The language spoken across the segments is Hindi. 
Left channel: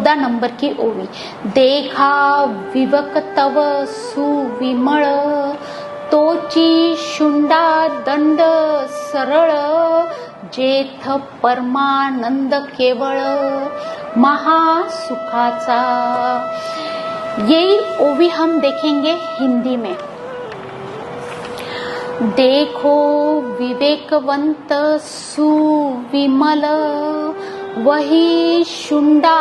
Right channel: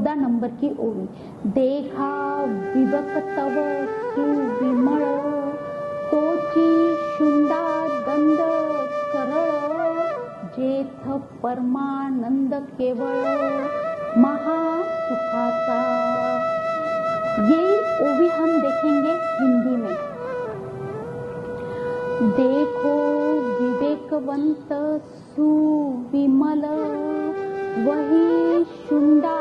14 नंबर की ओवी। देखा विवक तव सुविमळ, तोची शुंडा दंड सरळ, जेथ परमानंद केवळ महासुखाचा। ये ओवी हम देखेंगे हिंदी में। देखो विवेकवंत सुविमल, वही शुंडा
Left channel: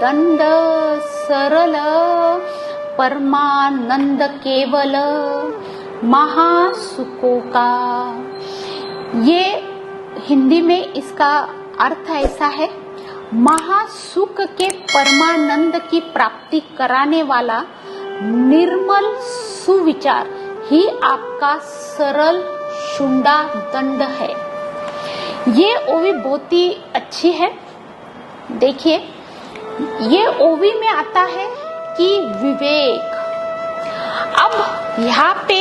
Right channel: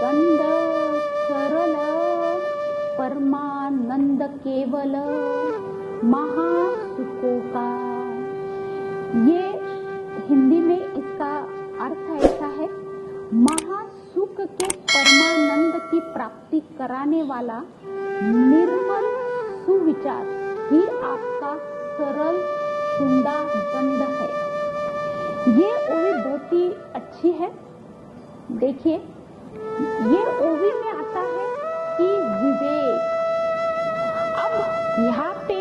दंड सरल, परमानंद केवल महासुखों का। ये हिंदी में इसका अर्थ ऐसा है, महासुख के परमानंद की प्राप्ति कराने वाला निर्मल सुविचार ही आपका सरल शुंडा दंड है। ये ओवी बहुत ही अच्छी है। देखिए, ये ओवी में आता है कि विवेक। अब यहाँ पे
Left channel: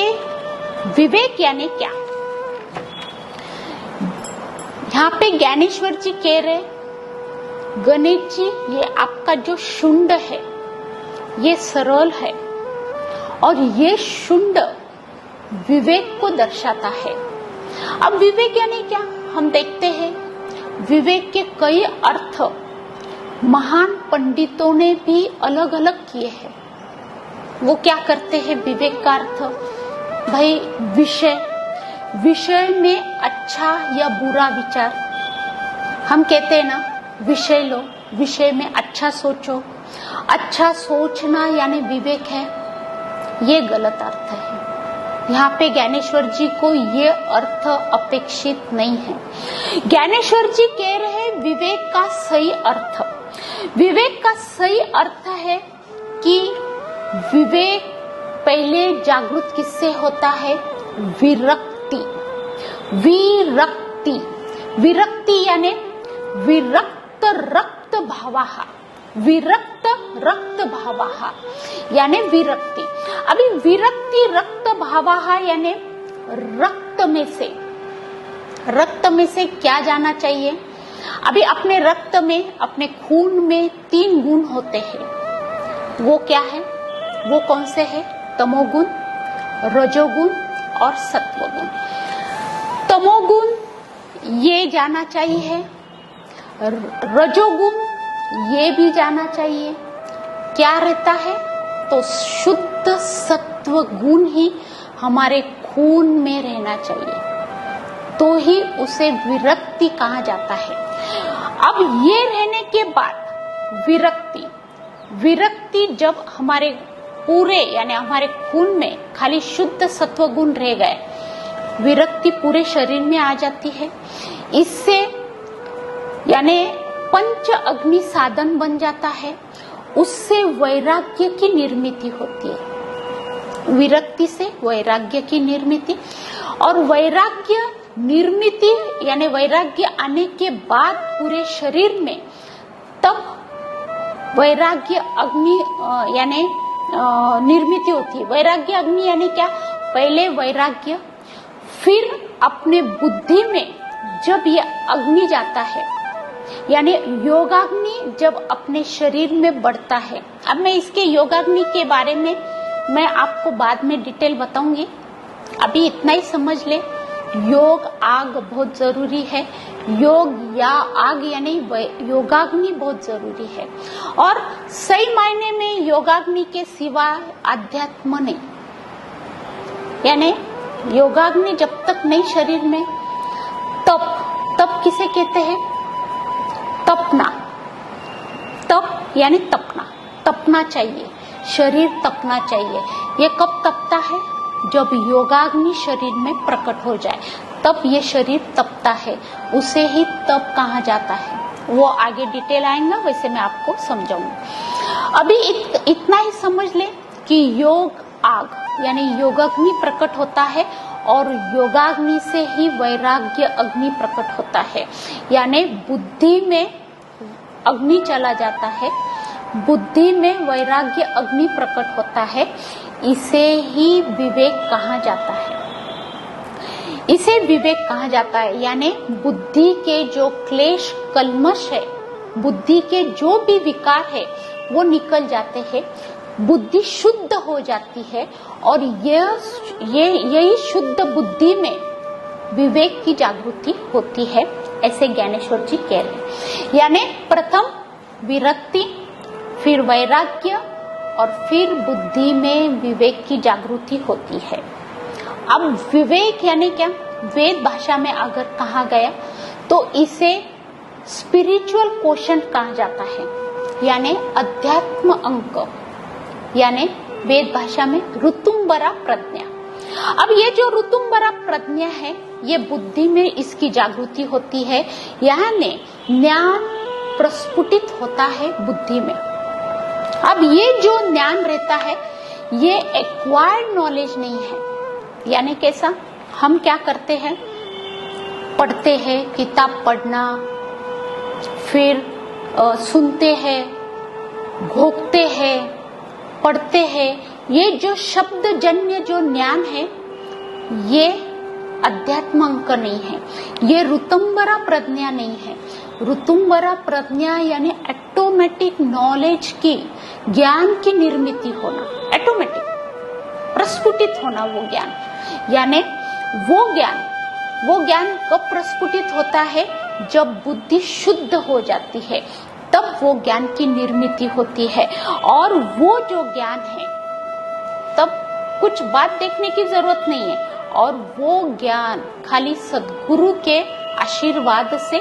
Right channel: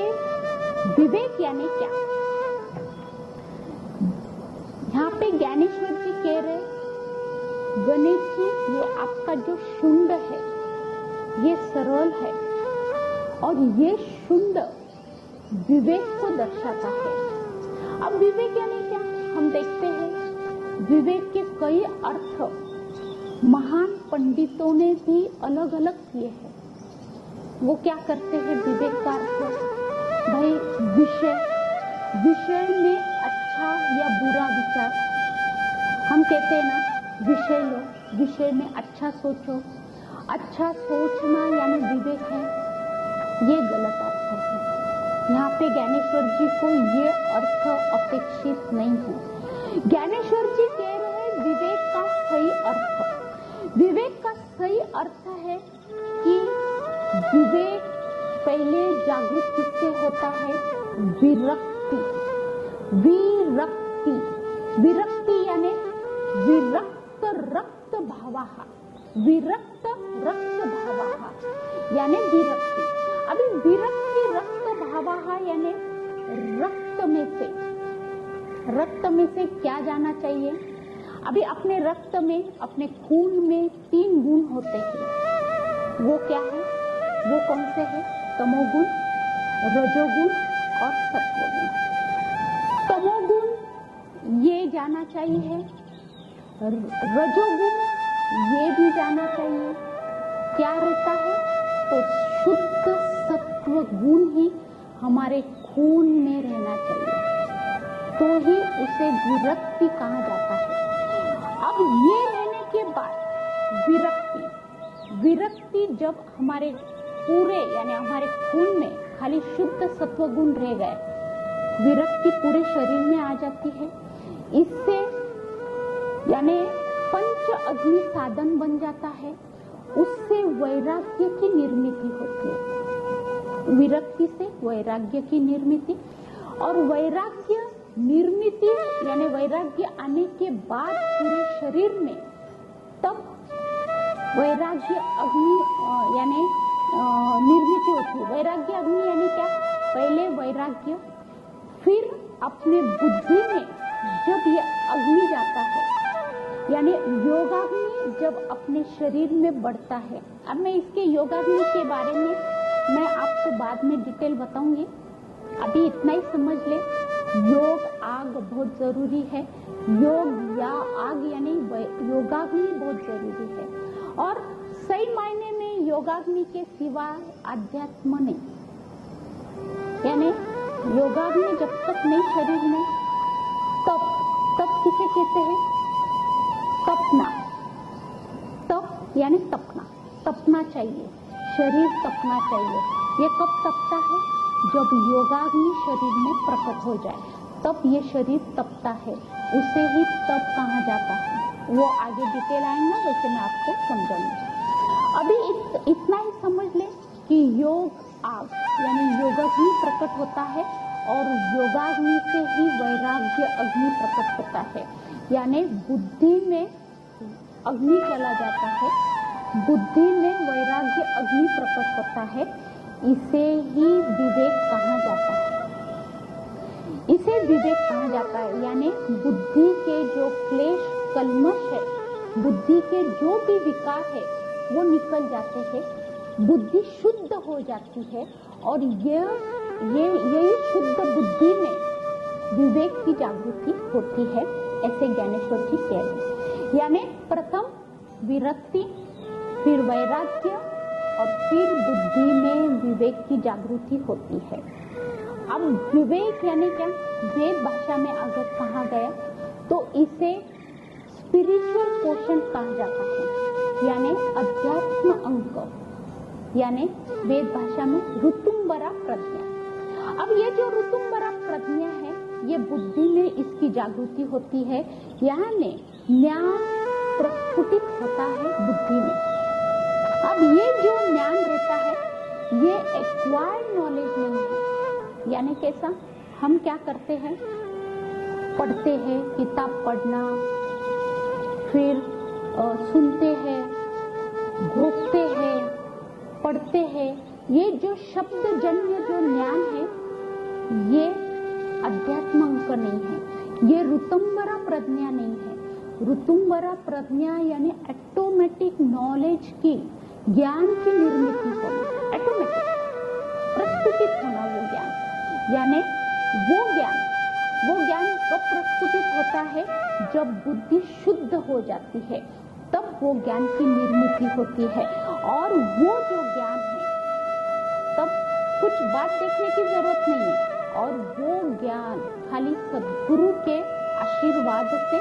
विवेक यानी क्या? यहाँ पे ज्ञानेश्वर जी कह रहे, गणेश जी ये आपका जो शुंड है ये सरल है, और ये शुंड विवेक को दर्शाता है। अब विवेक यानी क्या हम देखते हैं। विवेक के कई अर्थ महान पंडितों ने भी अलग अलग किए हैं। वो क्या करते हैं विवेक का अर्थ? भाई विषय में अच्छा या बुरा विचार। हम कहते हैं ना, विषय लो, विषय में अच्छा सोचो। अच्छा सोचना यानी विवेक है, ये गलत अर्थ है। यहाँ पे ज्ञानेश्वर जी को ये अर्थ अपेक्षित नहीं है। ज्ञानेश्वर जी कह रहे हैं विवेक का सही अर्थ। विवेक का सही अर्थ है कि विवेक पहले जागृत किससे होता है? विरक्ति। विरक्ति विरक्ति यानी विरक्त रक्त भावाहा, विरक्त रक्त भावाहा यानी विरक्ति। अभी विरक्ति रक्त भावाहा यानी रक्त में से क्या जाना चाहिए? अभी अपने रक्त में, अपने खून में 3 गुण होते हैं। वो क्या है? वो कौन से है? तमोगुण, रजोगुण और सत्वगुण। तमोगुण ये जाना चाहिए, रजोगुण ये भी जाना चाहिए। क्या रहता है? तो शुद्ध सत्व गुण ही हमारे खून में रहना चाहिए, तो ही उसे विरक्ति कहा जाता है। अब ये रहने के बाद विरक्ति जब हमारे पूरे यानी हमारे खून में खाली शुद्ध सत्व गुण रह गए, विरक्ति पूरे शरीर में आ जाती है। इससे यानी पंच अग्नि साधन बन जाता है, उससे वैराग्य की निर्मिति होती है। विरक्ति से वैराग्य की निर्मिति, और वैराग्य निर्मिति यानी वैराग्य आने के बाद पूरे शरीर में, तब वैराग्य अग्नि यानी निर्मिति होती है। वैराग्य अग्नि यानी क्या? पहले वैराग्य, फिर अपने बुद्धि में जब ये अग्नि जाता है, यानी योगाग्नि जब अपने शरीर में बढ़ता है। अब मैं इसके योगाग्नि के बारे में मैं आपको बाद में डिटेल बताऊंगी। अभी इतना ही समझ ले, योग आग बहुत जरूरी है। योग या आग यानी योगाग्नि बहुत जरूरी है, और सही मायने में योगाग्नि के सिवा आध्यात्म नहीं। यानी योगाग्नि जब तक नहीं शरीर में, तप किसे कहते हैं? तपना। तप यानी तपना चाहिए, शरीर तपना चाहिए। ये कब तपता है? जब योगाग्नि शरीर में प्रकट हो जाए, तब ये शरीर तपता है, उसे ही तप कहा जाता है। वो आगे डिटेल आएगा, वैसे मैं आपको समझाऊंगी। अभी इतना ही समझ ले कि योग आग यानी योगाग्नि प्रकट होता है, और योगाग्नि से ही वैराग्य अग्नि प्रकट होता है। यानी बुद्धि में अग्नि चला जाता है, बुद्धि में वैराग्य अग्नि प्रकट होता है। इसे ही विवेक कहा जाता है। इसे विवेक कहा जाता है, यानी बुद्धि के जो क्लेश कल्मश है बुद्धि के जो भी विकार है वो निकल जाते हैं, बुद्धि शुद्ध हो जाती है और यही शुद्ध बुद्धि में विवेक की जागृति होती है, ऐसे ज्ञानेश्वर जी कह रहे हैं। यानी प्रथम विरक्ति, फिर वैराग्य और फिर बुद्धि में विवेक की जागृति होती है। अब विवेक यानी क्या, वेद भाषा में अगर कहा गया तो इसे स्पिरिचुअल क्वोशंट कहा जाता है, यानी अध्यात्म अंक, यानी वेद भाषा में ऋतुम्बरा प्रज्ञा। अब ये जो ऋतुम्बरा प्रज्ञा है, ये बुद्धि में इसकी जागृति होती है, यानी ज्ञान प्रस्फुटित होता है बुद्धि में। अब ये जो ज्ञान रहता है ये एक्वायर्ड नॉलेज नहीं है, यानी कैसा, हम क्या करते हैं, पढ़ते हैं, किताब पढ़ना, फिर सुनते हैं, भोगते हैं, पढ़ते हैं, ये जो शब्द जन्य जो ज्ञान है ये अध्यात्म अंक नहीं है, ये ऋतुम्बरा प्रज्ञा नहीं है। ऋतुम्बरा प्रज्ञा यानी ऑटोमेटिक नॉलेज की, ज्ञान की निर्मित होना, ऑटोमेटिक प्रस्फुटित होना वो ज्ञान, यानी वो ज्ञान कब प्रस्फुटित होता है, जब बुद्धि शुद्ध हो जाती है, तब वो ज्ञान की निर्मित होती है। और वो जो ज्ञान है तब कुछ बात देखने की जरूरत नहीं है, और वो ज्ञान खाली सद्गुरु के आशीर्वाद से,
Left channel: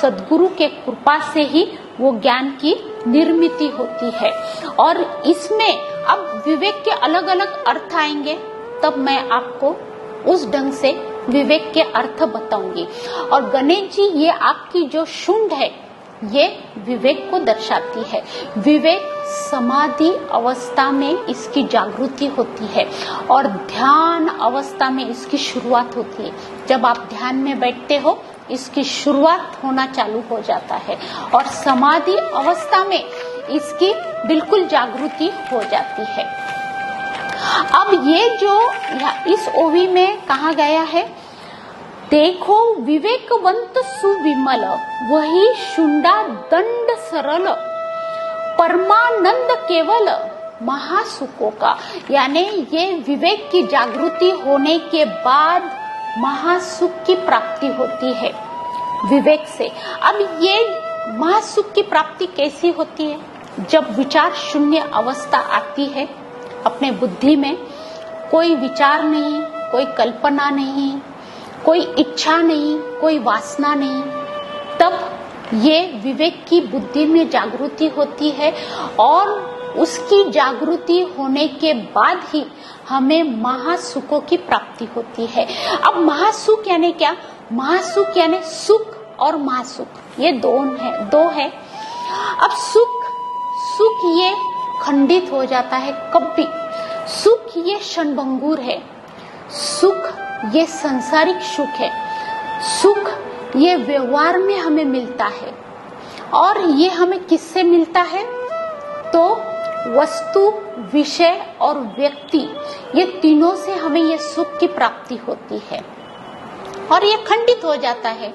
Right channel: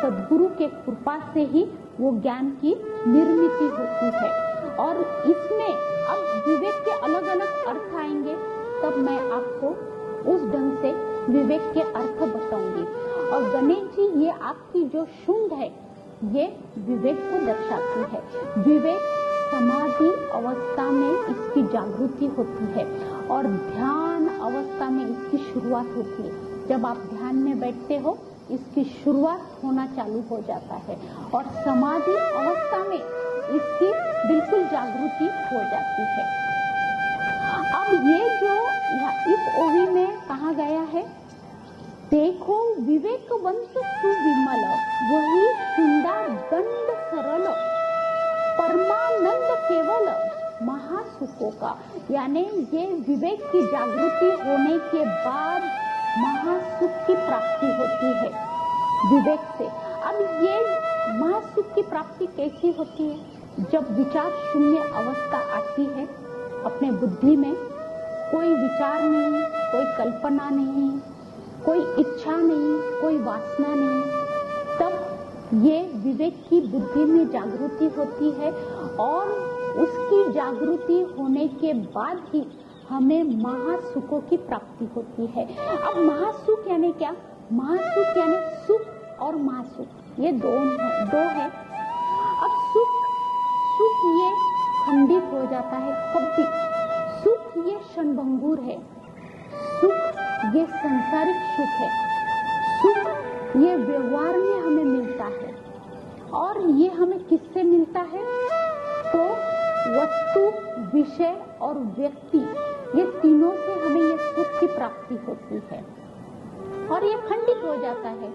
सद्गुरु के कृपा से ही वो ज्ञान की निर्मित होती है। और इसमें अब विवेक के अलग अलग अर्थ आएंगे, तब मैं आपको उस ढंग से विवेक के अर्थ बताऊंगी। और गणेश जी, ये आपकी जो शुंड है ये विवेक को दर्शाती है। विवेक समाधि अवस्था में इसकी जागृति होती है और ध्यान अवस्था में इसकी शुरुआत होती है। जब आप ध्यान में बैठते हो इसकी शुरुआत होना चालू हो जाता है और समाधि अवस्था में इसकी बिल्कुल जागृति हो जाती है। अब ये जो इस ओवी में कहा गया है, देखो विवेकवंत सुविमल, वही शुंडा दंड सरल, परमानंद केवल महासुखों का, यानी ये विवेक की जागृति होने के बाद महासुख की प्राप्ति होती है विवेक से। अब ये महासुख की प्राप्ति कैसी होती है, जब विचार शून्य अवस्था आती है अपने बुद्धि में, कोई विचार नहीं, कोई कल्पना नहीं, कोई इच्छा नहीं, कोई वासना नहीं, तब ये विवेक की बुद्धि में जागृति होती है और उसकी जागृति होने के बाद ही हमें महासुखों की प्राप्ति होती है। अब महासुख यानी क्या, महासुख यानी सुख और महासुख, ये दो है। अब सुख ये खंडित हो जाता है कभी, सुख ये क्षणभंगुर है, सुख ये सांसारिक सुख है, सुख ये व्यवहार में हमें मिलता है। और ये हमें किससे मिलता है, तो वस्तु, विषय और व्यक्ति, ये तीनों से हमें ये सुख की प्राप्ति होती है। और ये खंडित हो जाता है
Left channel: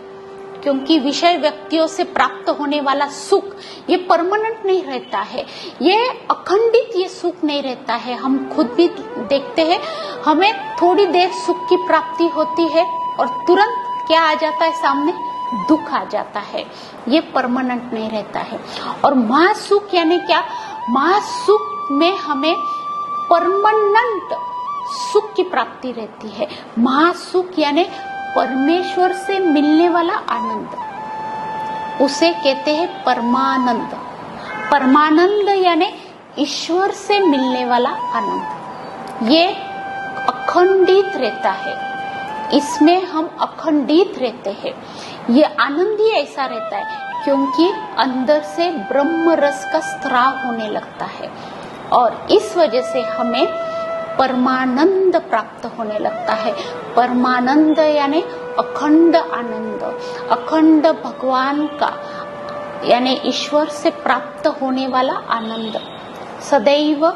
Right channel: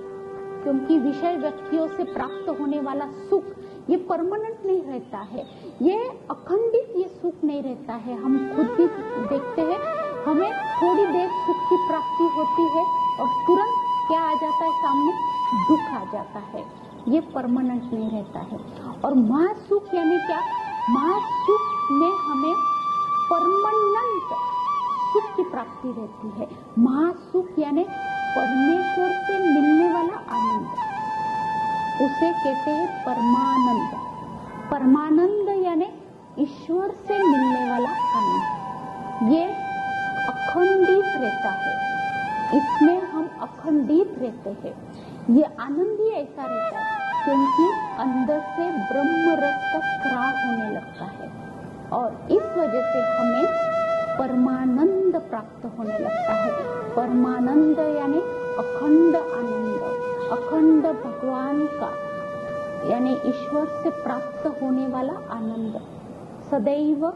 क्योंकि विषय व्यक्तियों से प्राप्त होने वाला सुख ये परमानेंट नहीं रहता है, ये अखंडित ये सुख नहीं रहता है। हम खुद भी देखते हैं, हमें थोड़ी देर सुख की प्राप्ति होती है और तुरंत क्या आ जाता है सामने, दुख आ जाता है, ये परमानेंट नहीं रहता है। और महासुख यानी क्या, महासुख में हमें परमानेंट सुख की प्राप्ति रहती है। महासुख यानी परमेश्वर से मिलने वाला आनंद, उसे कहते हैं परमानंद। परमानंद यानी ईश्वर से मिलने वाला आनंद, ये अखंडित रहता है, इसमें हम अखंडित रहते हैं। ये आनंद ही ऐसा रहता है क्योंकि अंदर से ब्रह्म रस का स्त्राव होने लगता है और इस वजह से हमें परमानंद प्राप्त होने लगता है। परमानंद यानी अखंड आनंद, अखंड भगवान का यानी ईश्वर से प्राप्त होने वाला आनंद, सदैव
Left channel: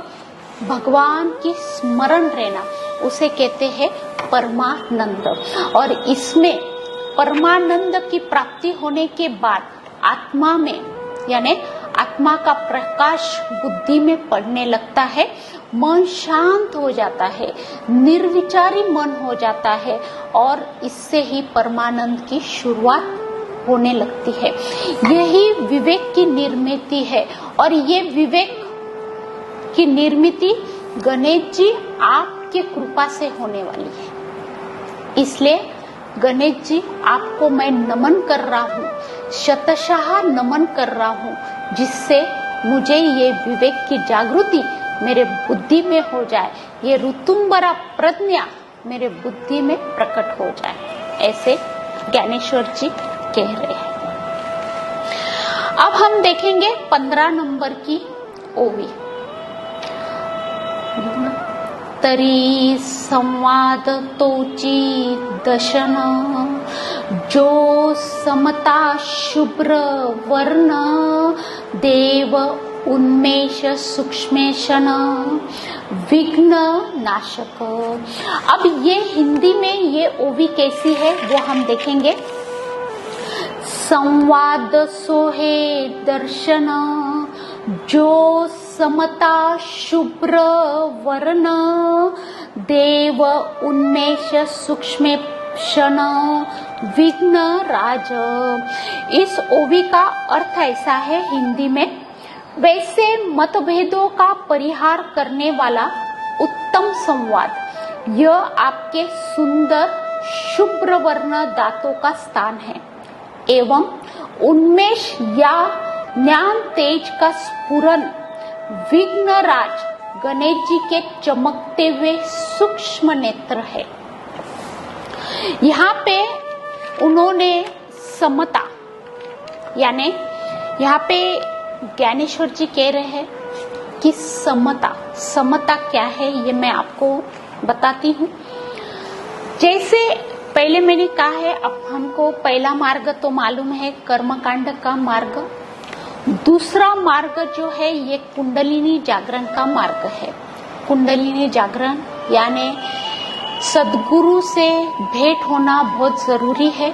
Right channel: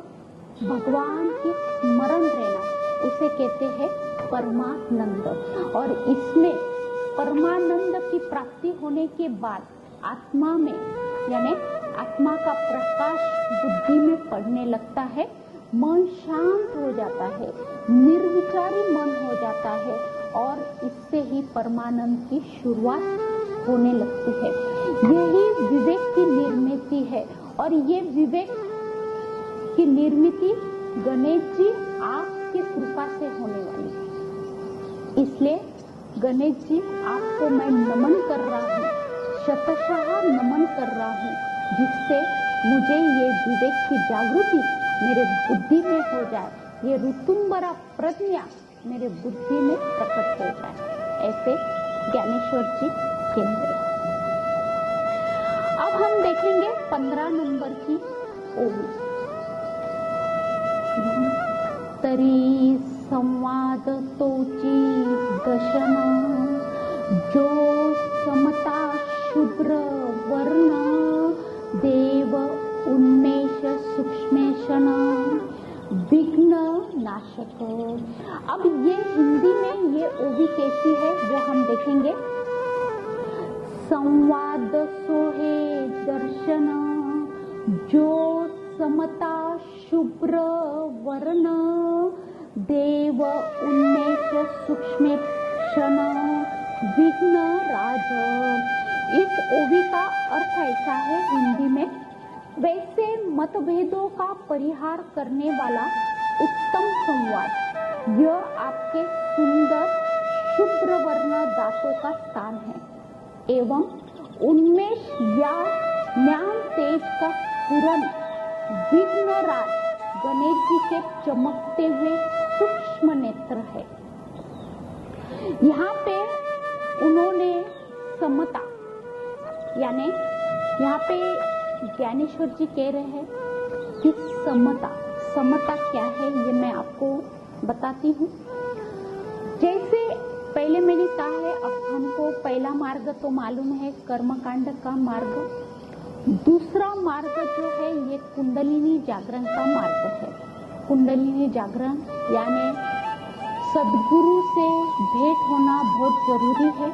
भगवान की स्मरण रहना, उसे कहते हैं परमानंद। और इसमें परमानंद की प्राप्ति होने के बाद आत्मा में यानी आत्मा का प्रकाश बुद्धि में पड़ने लगता है, मन शांत हो जाता है, निर्विचारी मन हो जाता है और इससे ही परमानंद की शुरुआत होने लगती है। यही विवेक की निर्मिति है और ये विवेक की निर्मिति गणेश जी आपके कृपा से होने वाली है। इसलिए गणेश जी आपको मैं नमन कर रहा हूँ, शतशः नमन कर रहा हूँ, जिससे मुझे ये विवेक की जागृति मेरे बुद्धि में हो जाए, ये ऋतुंबरा प्रज्ञा मेरे बुद्धि में प्रकट हो जाए, ऐसे ज्ञानेश्वर जी कह रहे हैं। अब हम देखेंगे 15 नंबर की ओवी। तरी संवाद तोची दशन, जो समता शुभ्र वर्ण, देव उन्मेष सूक्ष्मेशन, विघ्न नाशक। अब ये हिंदी में ये ओवी कैसी है वो हम देखेंगे। संवाद सोहे दर्शन, जो समता शुभ्र वर्ण, देव उन्मेष सूक्ष्मेशन, विघ्न राज। इस ओवी का अर्थ ऐसा है हिंदी में, वैसे मतभेदों का परिहार करने वाला उत्तम संवाद, यह आपके सुंदर शुभ्र वर्ण दांतों का स्थान है, एवं उन्मेष या ज्ञान तेज का स्फुरन विघ्नराज गणेश जी के चमकते हुए सूक्ष्म नेत्र है। यहाँ पे उन्होंने समता, यानी यहाँ पे ज्ञानेश्वर जी कह रहे हैं कि समता क्या है ये मैं आपको बताती हूँ। जैसे पहले मैंने कहा है, अब हमको पहला मार्ग तो मालूम है कर्मकांड का मार्ग, दूसरा मार्ग जो है ये कुंडलिनी जागरण का मार्ग है। कुंडलिनी जागरण यानी सदगुरु से भेंट होना बहुत जरूरी है।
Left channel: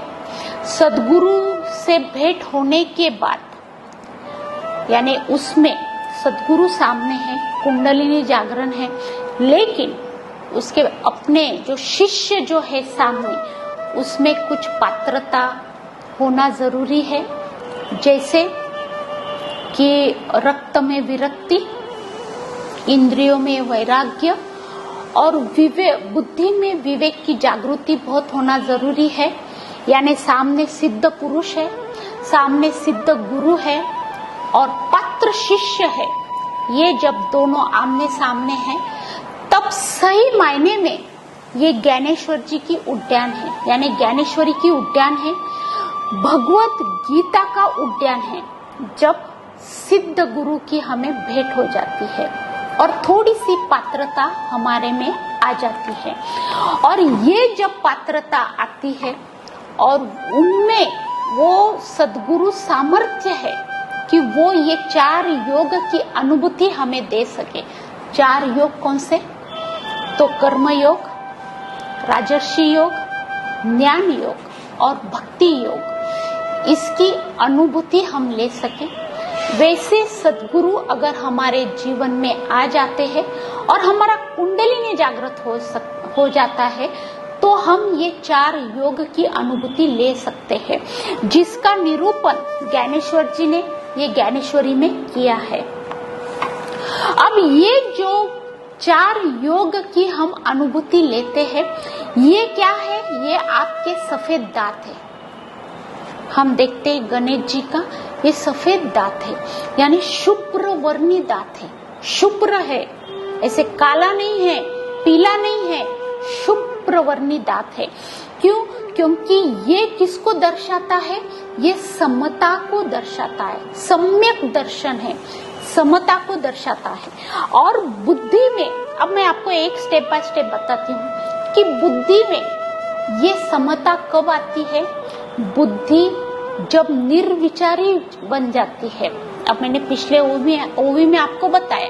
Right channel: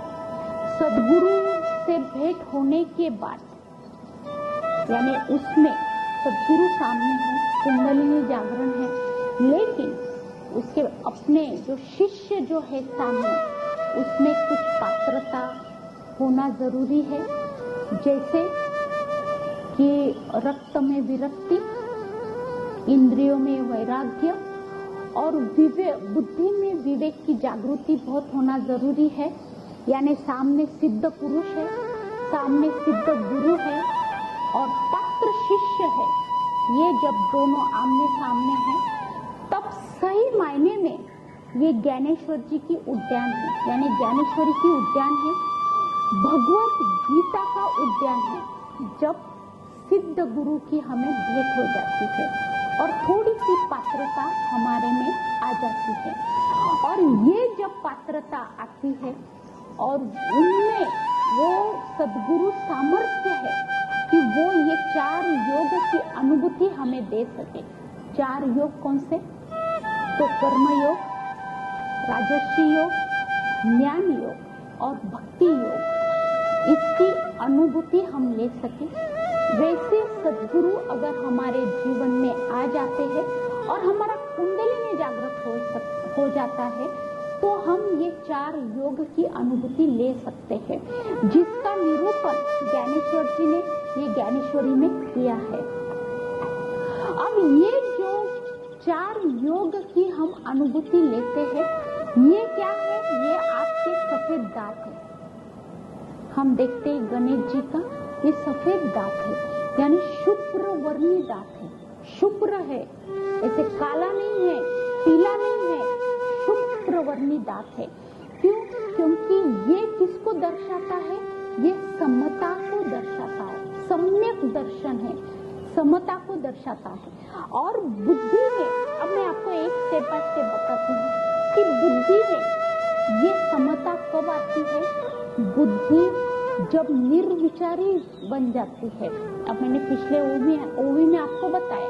सदगुरु से भेंट होने के बाद यानी उसमें सदगुरु सामने है, कुंडलिनी जागरण है, लेकिन उसके अपने जो शिष्य जो है सामने, उसमें कुछ पात्रता होना जरूरी है, जैसे कि रक्त में विरक्ति, इंद्रियों में वैराग्य और बुद्धि में विवेक की जागृति बहुत होना जरूरी है। यानी सामने सिद्ध पुरुष है, सामने सिद्ध गुरु है और पात्र शिष्य है, ये जब दोनों आमने सामने हैं तब सही मायने में ये ज्ञानेश्वर जी की उद्यान है, यानी ज्ञानेश्वरी की उद्यान है, भगवत गीता का उद्यान है, जब सिद्ध गुरु की हमें भेंट हो जाती है और थोड़ी सी पात्रता हमारे में आ जाती है। और ये जब पात्रता आती है और उनमें वो सद्गुरु सामर्थ्य है कि वो ये 4 योग की अनुभूति हमें दे सके। 4 योग कौन से? तो कर्म योग, राजर्षि योग, ज्ञान योग और भक्ति योग, इसकी अनुभूति हम ले सके। वैसे सद्गुरु अगर हमारे जीवन में आ जाते हैं और हमारा कुंडलिनी जागृत हो जाता है, तो हम ये 4 योग की अनुभूति ले सकते हैं, जिसका निरूपण ज्ञानेश्वर जी ने ये ज्ञानेश्वरी में किया है। अब ये जो 4 योग की हम अनुभूति लेते हैं, ये क्या है? ये आपके सफेद दांत है। हम देखते हैं गणेश जी का ये सफेद दांत है, यानी शुभ्र वर्णी दांत है, शुभ्र है, ऐसे काला नहीं है, पीला नहीं है, शुभ्र वर्णी दांत है। क्यों? क्योंकि ये किसको दर्शाता है? ये समता को दर्शाता है, सम्यक दर्शन है, समता को दर्शाता है। और बुद्धि में, अब मैं आपको एक स्टेप बाय स्टेप बताती हूँ कि बुद्धि में ये समता कब आती है? बुद्धि जब निर्विचारी बन जाती है। अब मैंने पिछले ओवी में आपको बताया